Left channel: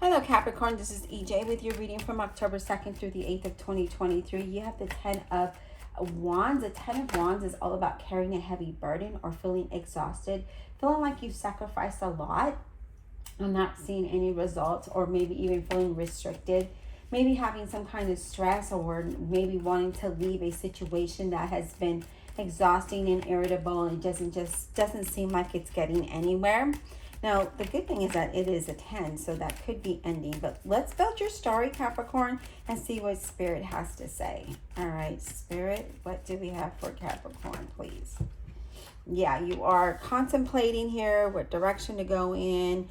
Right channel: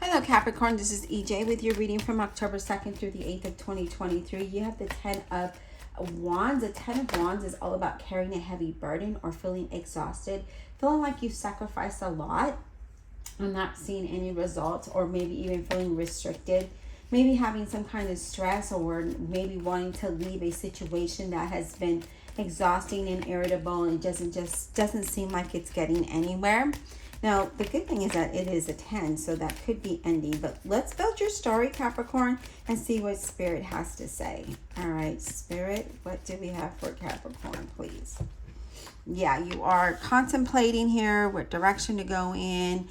Hello Capricorn, this is EJ with your reading from October 2nd through the 8th of 2023. You have the 10 of Wands. The 10 of Wands is all about carrying a heavy burden or feeling exhausted, feeling like you've sacrificed a lot and not seeing any results, or maybe even feeling restricted, maybe having some kind of stress, or maybe wanting to leave a situation that has been exhausting and irritable and doesn't seem like it's getting anywhere. Now, the good thing is that it is a 10, so that could be ending. But let's build your story, Capricorn, and see what Spirit has to say. All right, Spirit, what do we have for Capricorn, please? Yeah, you are contemplating here what direction to go in.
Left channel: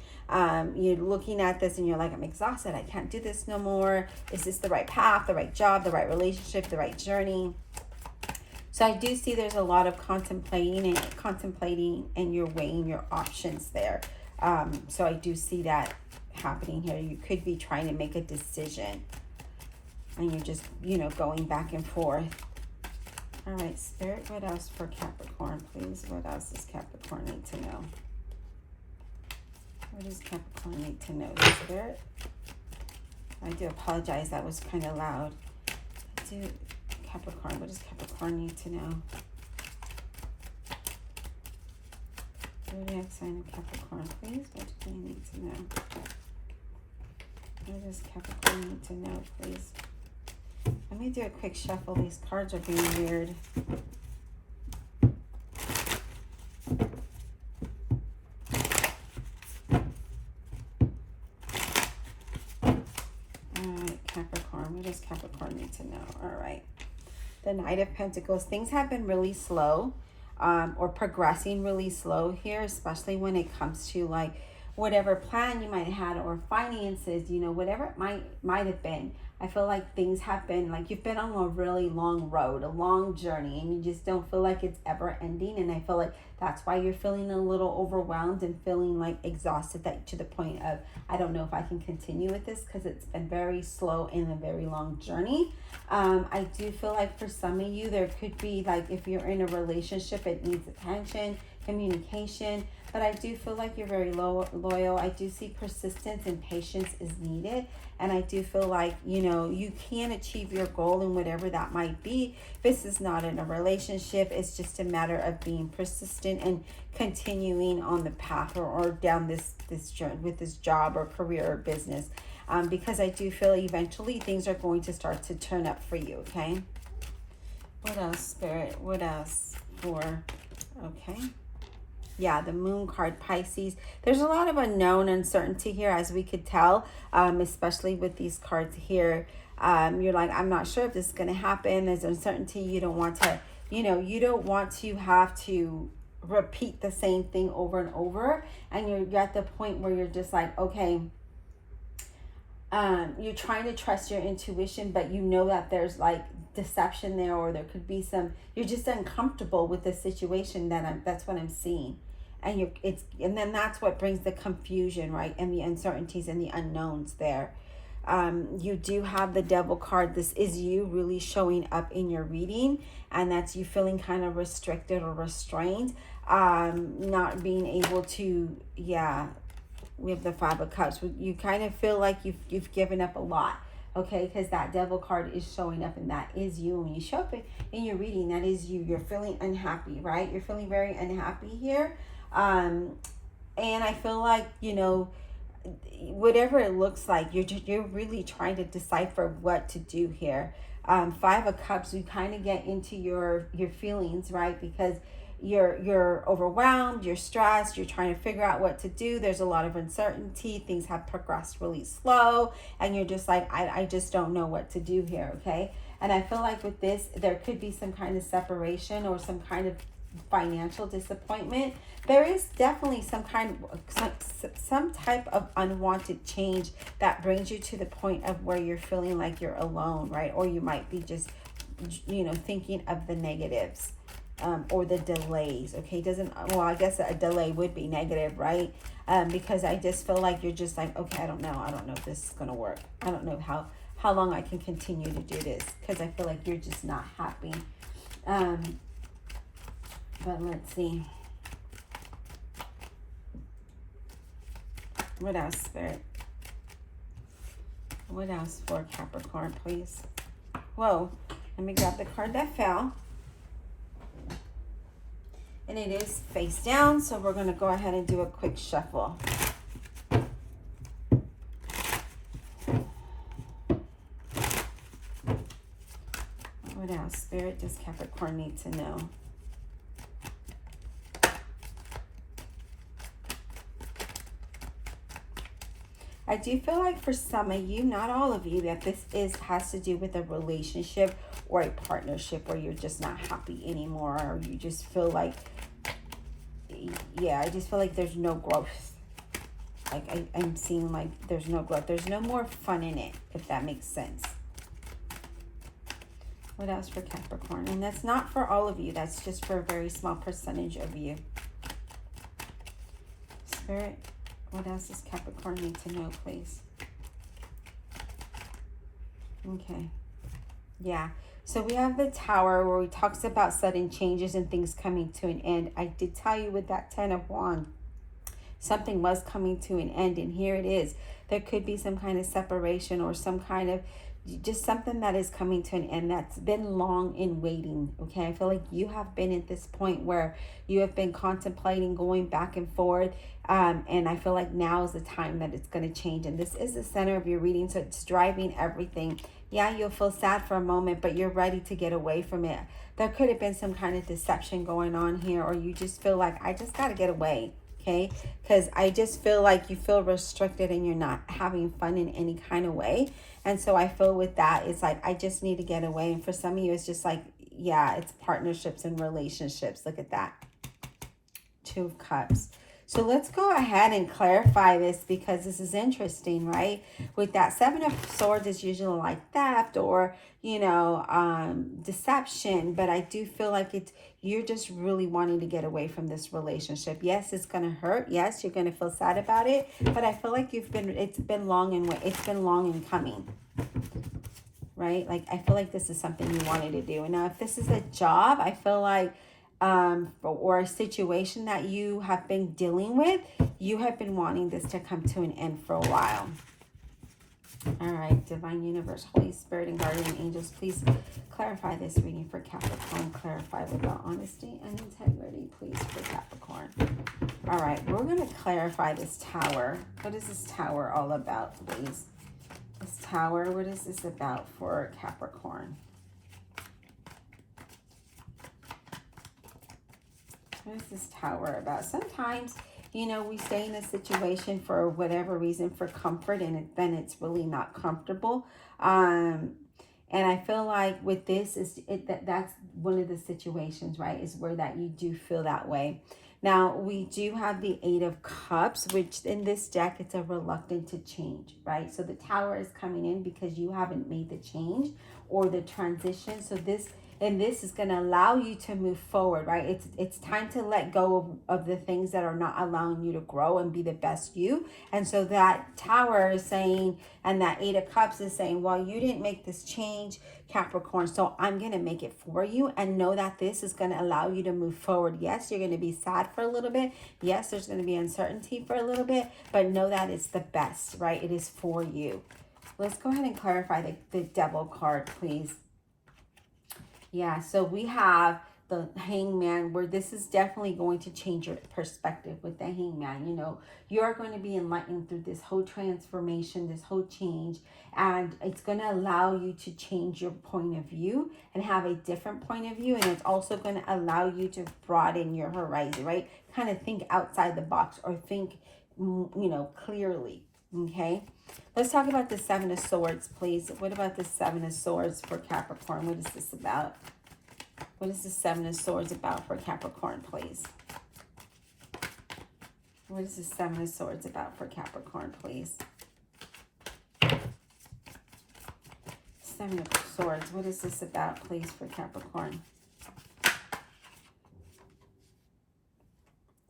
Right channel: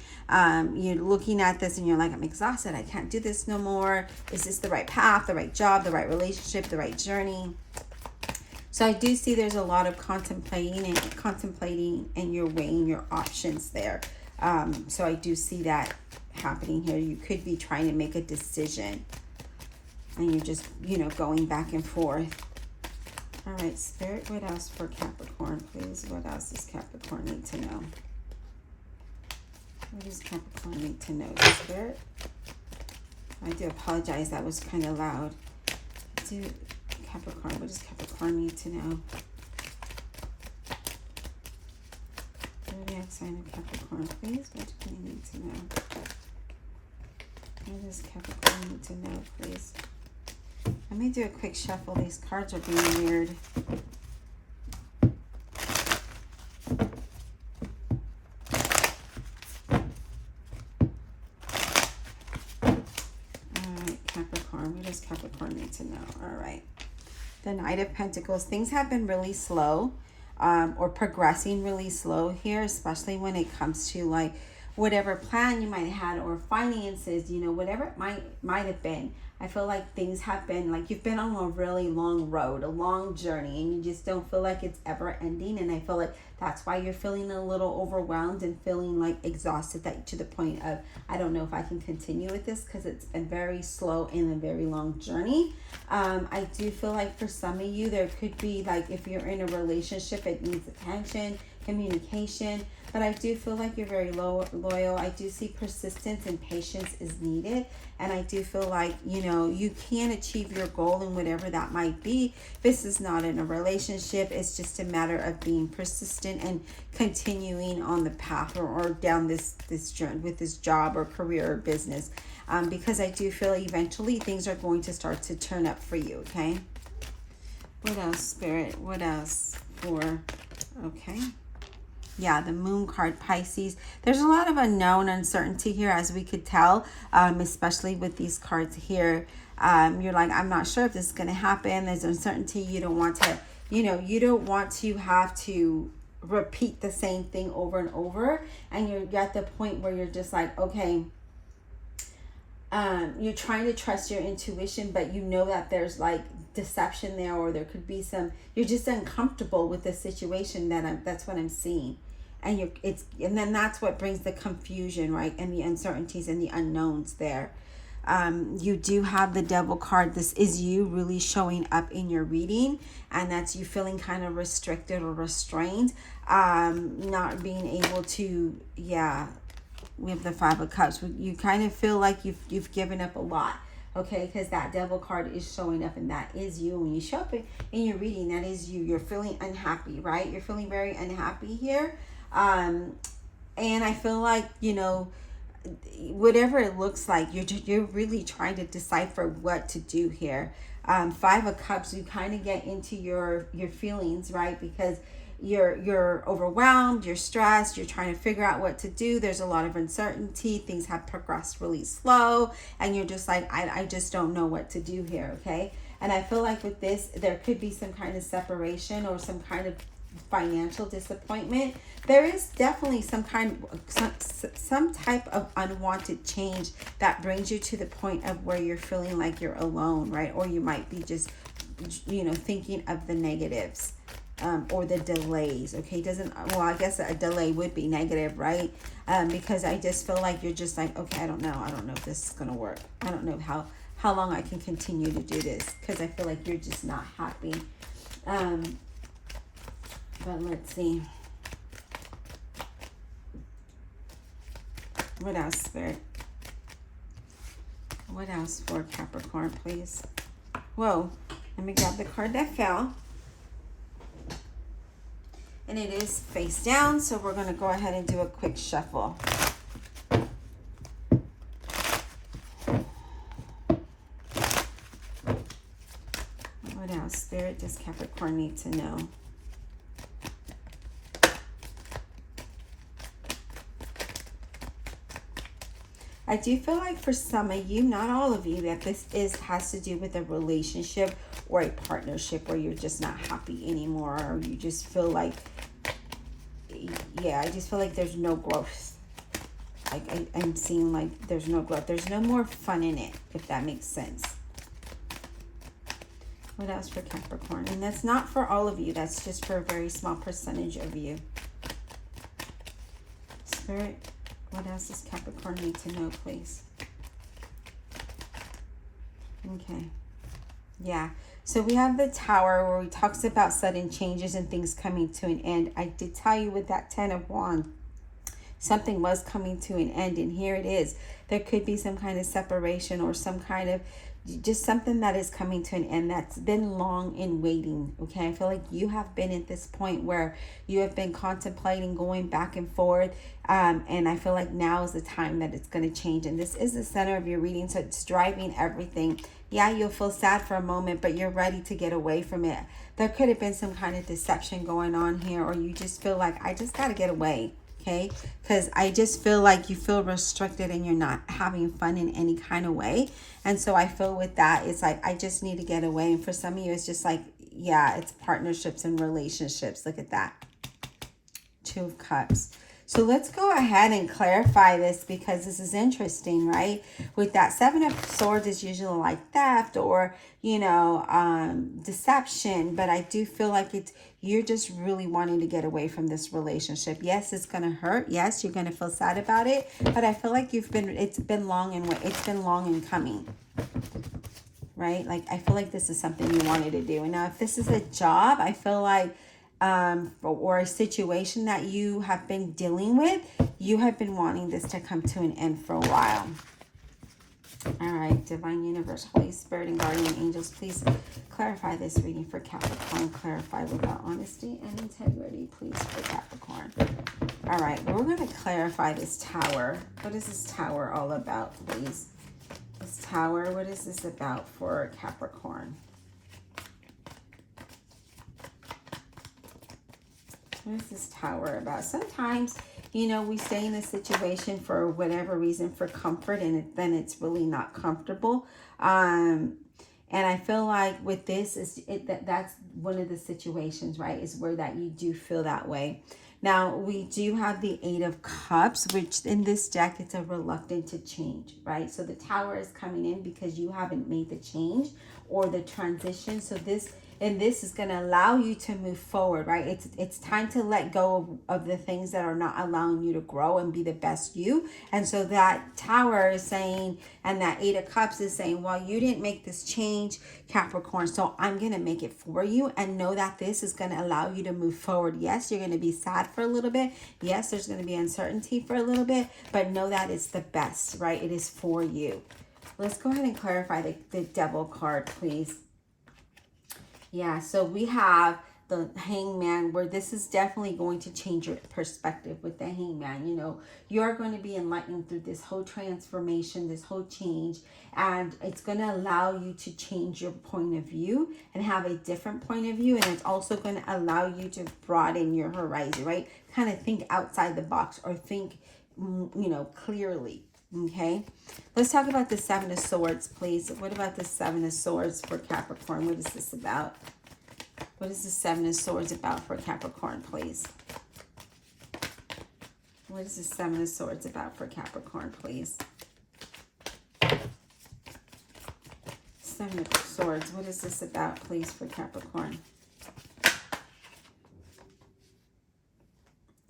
You're looking at this and you're like, I'm exhausted. I can't do this no more. Is this the right path, the right job, the right relationship, the right journey? So I do see there's a lot of contemplating and you're weighing your options there. So I do see that happening here. You could be trying to make a decision and you're just, going back and forth. All right, Spirit, what else for Capricorn, please? What else does Capricorn need to know? What does Capricorn need to know, Spirit? I do apologize. That was kind of loud. Capricorn, what does Capricorn need to know? Zodiac sign of Capricorn, please. What do you need to know? What does Capricorn need to know, please? Let me do a quick shuffle. These cards are being weird. Alright, Capricorn. What does Capricorn need to know? Alright. The Knight of Pentacles. Things have been really slow, or progressing really slow here, especially when it comes to like whatever plan you might have had, or finances, whatever it might have been. I feel like things have been like you've been on a really long road, a long journey, and you just don't feel like it's ever ending. And I feel like that's why you're feeling a little overwhelmed and feeling like exhausted, that to the point of, I don't know if I can continue with this, because it's a very slow and a very long journey. I do feel like for some of you, there could be like, if you're in a relationship, it needs attention, communication. But I do feel like you're very loyal. I do see persistence and patience is needed. And I do feel like, you can achieve your goal in whatever that might be. This is not in a relationship. It's just a matter of being persistent and continuing on the path or down this journey with this job or career or business. Because I do feel eventually things are going to start to turn up for you, okay? What else, Spirit? What else for, okay? Yeah, the Moon card, Pisces. There's a lot of unknown uncertainty here, as we could tell, especially with these cards here. You're like, I'm not sure if this is going to happen. There's uncertainty. You don't want to, you don't want to have to repeat the same thing over and over. And you're at the point where you're just like, okay, you're trying to trust your intuition, but you know that there's like deception there, or there could be some, you're just uncomfortable with the situation that's what I'm seeing. And and then that's what brings the confusion, right? And the uncertainties and the unknowns there. You do have the Devil card. This is you really showing up in your reading, and that's you feeling kind of restricted or restrained, not being able to, we have the Five of Cups. You kind of feel like you've given up a lot, okay? Because that Devil card is showing up, and that is you. When you show up in your reading, that is you. You're feeling unhappy, right? You're feeling very unhappy here. And I feel like, whatever it looks like, you're really trying to decipher what to do here. Five of Cups, you kind of get into your feelings, right? Because you're overwhelmed, you're stressed, you're trying to figure out what to do. There's a lot of uncertainty. Things have progressed really slow, and you're just like, I just don't know what to do here, okay? And I feel like with this, there could be some kind of separation or some kind of financial disappointment. There is definitely some type of unwanted change that brings you to the point of where you're feeling like you're alone, right? Or you might be just, thinking of the negatives, or the delays, okay? I guess a delay would be negative, right? Because I just feel like you're just like, okay, I don't know if this is gonna work. I don't know how long I can continue to do this, because I feel like you're just not happy. But let's see. What else, Spirit? What else for Capricorn, please? Whoa, let me grab the card that fell. And it is face down, so we're going to go ahead and do a quick shuffle. What else, Spirit, does Capricorn need to know? I do feel like for some of you, not all of you, that this has to do with a relationship or a partnership where you're just not happy anymore, or you just feel like, yeah, I just feel like there's no growth. Like I'm seeing like there's no growth. There's no more fun in it, if that makes sense. What else for Capricorn? And that's not for all of you. That's just for a very small percentage of you. Spirit, what else does Capricorn need to know, please? Okay. Yeah. So we have the Tower where he talks about sudden changes and things coming to an end. I did tell you with that 10 of Wands, something was coming to an end, and here it is. There could be some kind of separation or some kind of just something that is coming to an end that's been long in waiting. Okay, I feel like you have been at this point where you have been contemplating going back and forth, and I feel like now is the time that it's going to change. And this is the center of your reading, so it's driving everything. Yeah, you'll feel sad for a moment, but you're ready to get away from it. There could have been some kind of deception going on here, or you just feel like, I just got to get away. Okay, because I just feel like you feel restricted and you're not having fun in any kind of way. And so I feel with that, it's like, I just need to get away. And for some of you, it's just like, yeah, it's partnerships and relationships. Look at that. 2 of Cups. So let's go ahead and clarify this, because this is interesting, right? With that 7 of Swords is usually like theft or, you know, deception. But I do feel like you're just really wanting to get away from this relationship. Yes, it's going to hurt. Yes, you're going to feel sad about it. But I feel like it's been long in coming. Right? Like, I feel like this is something you wanted to do. And now if this is a job, I feel like or a situation that you have been dealing with, you have been wanting this to come to an end for a while. All right, Divine Universe, Holy Spirit, and Guardian Angels, please clarify this reading for Capricorn. Clarify without honesty and integrity, please, for Capricorn. All right, we're going to clarify this Tower. What is this Tower all about, please? This Tower, what is this about for Capricorn? What is this Tower about? Sometimes, you know, we stay in a situation for whatever reason for comfort, and then it's really not comfortable. And I feel like with this, that's one of the situations, right, is where that you do feel that way. Now, we do have the 8 of Cups, which in this deck, it's a reluctant to change, right? So the Tower is coming in because you haven't made the change or the transition. So this is going to allow you to move forward, right? It's time to let go of the things that are not allowing you to grow and be the best you. And so that Tower is saying, and that 8 of Cups is saying, well, you didn't make this change, Capricorn, so I'm going to make it for you, and know that this is going to allow you to move forward. Yes, you're going to be sad for a little bit. Yes, there's going to be uncertainty for a little bit, but know that it's the best, right? It is for you. Let's go ahead and clarify the Devil card, please. Yeah, so we have the Hangman, where this is definitely going to change your perspective with the Hangman. You know, you're going to be enlightened through this whole transformation, this whole change, and it's going to allow you to change your point of view and have a different point of view. And it's also going to allow you to broaden your horizon, right? Kind of think outside the box, or think, you know, clearly. Okay, let's talk about the 7 of Swords, please. What about the 7 of Swords for Capricorn? What is this about? What is the 7 of Swords about for Capricorn, please? What is the 7 of Swords about for Capricorn, please? 7 of Swords, what is this about, please, for Capricorn?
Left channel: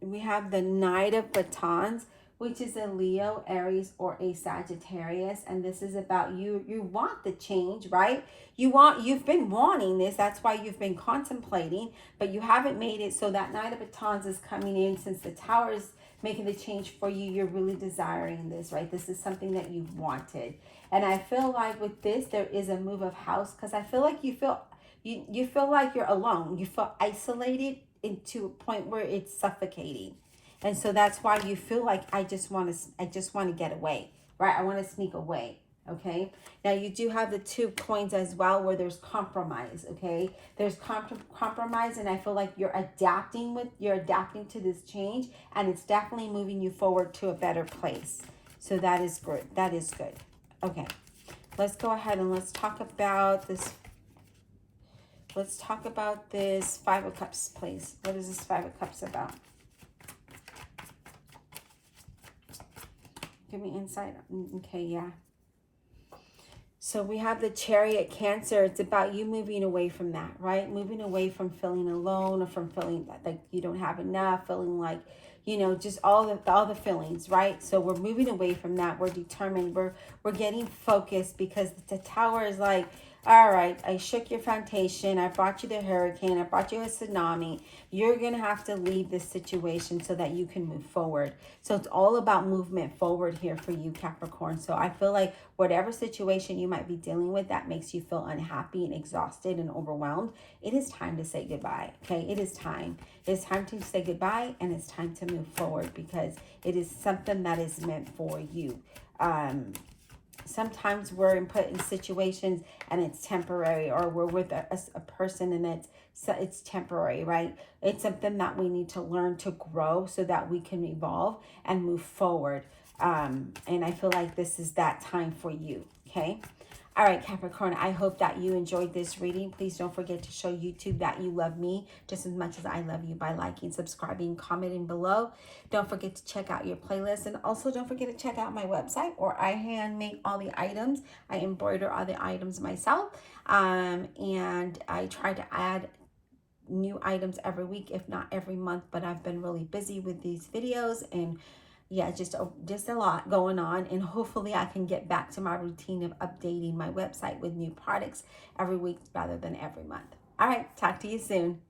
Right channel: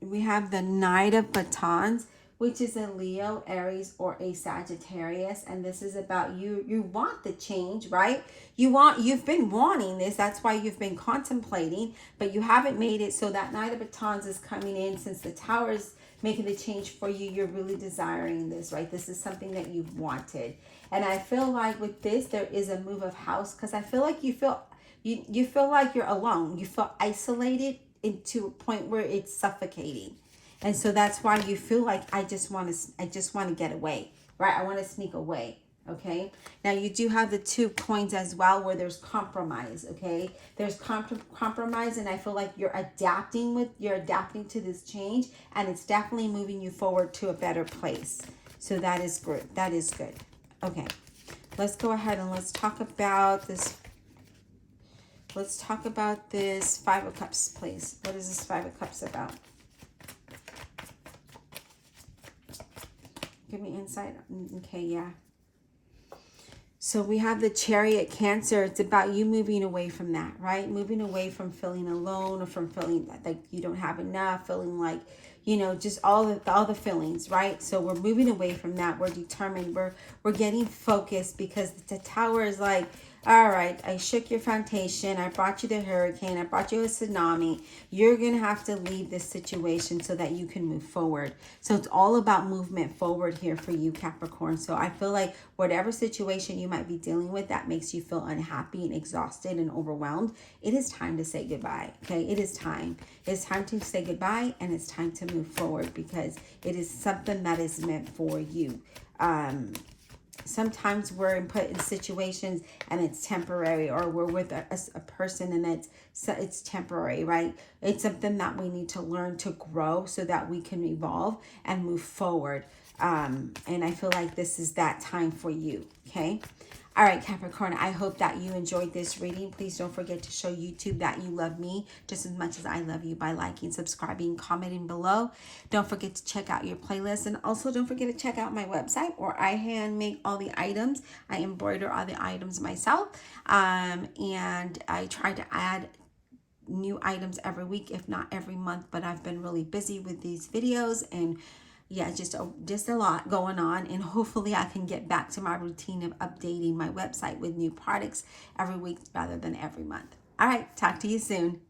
We have the Knight of Batons, which is a Leo, Aries, or a Sagittarius. And this is about you want the change, right? You've been wanting this. That's why you've been contemplating, but you haven't made it. So that Knight of Batons is coming in, since the Tower is making the change for you. You're really desiring this, right? This is something that you've wanted. And I feel like with this, there is a move of house, because I feel like you feel like you're alone. You feel isolated into a point where it's suffocating. And so that's why you feel like I just want to get away, right? I want to sneak away. Okay, now you do have the 2 points as well, where there's compromise. Okay, there's compromise, and I feel like you're adapting to this change, and it's definitely moving you forward to a better place. So that is good. That is good. Okay, let's go ahead and let's talk about this. Let's talk about this 5 of Cups, please. What is this 5 of Cups about? Give me insight. Okay, yeah. So we have the Chariot, Cancer. It's about you moving away from that, right? Moving away from feeling alone, or from feeling like you don't have enough, feeling like, you know, just all the feelings, right? So we're moving away from that. We're determined. We're getting focused, because the Tower is like, all right, I shook your foundation. I brought you the hurricane. I brought you a tsunami. You're going to have to leave this situation so that you can move forward. So it's all about movement forward here for you, Capricorn. So I feel like whatever situation you might be dealing with that makes you feel unhappy and exhausted and overwhelmed, it is time to say goodbye. Okay, it is time. It's time to say goodbye, and it's time to move forward, because it is something that is meant for you. Sometimes we're put in situations and it's temporary, or we're with a person and it's temporary, right? It's something that we need to learn to grow so that we can evolve and move forward. And I feel like this is that time for you, okay? All right, Capricorn, I hope that you enjoyed this reading. Please don't forget to show YouTube that you love me just as much as I love you by liking, subscribing, commenting below. Don't forget to check out your playlist. And also don't forget to check out my website, where I hand make all the items. I embroider all the items myself. And I try to add new items every week, if not every month. But I've been really busy with these videos, and yeah, just a lot going on, and hopefully I can get back to my routine of updating my website with new products every week rather than every month. All right, talk to you soon.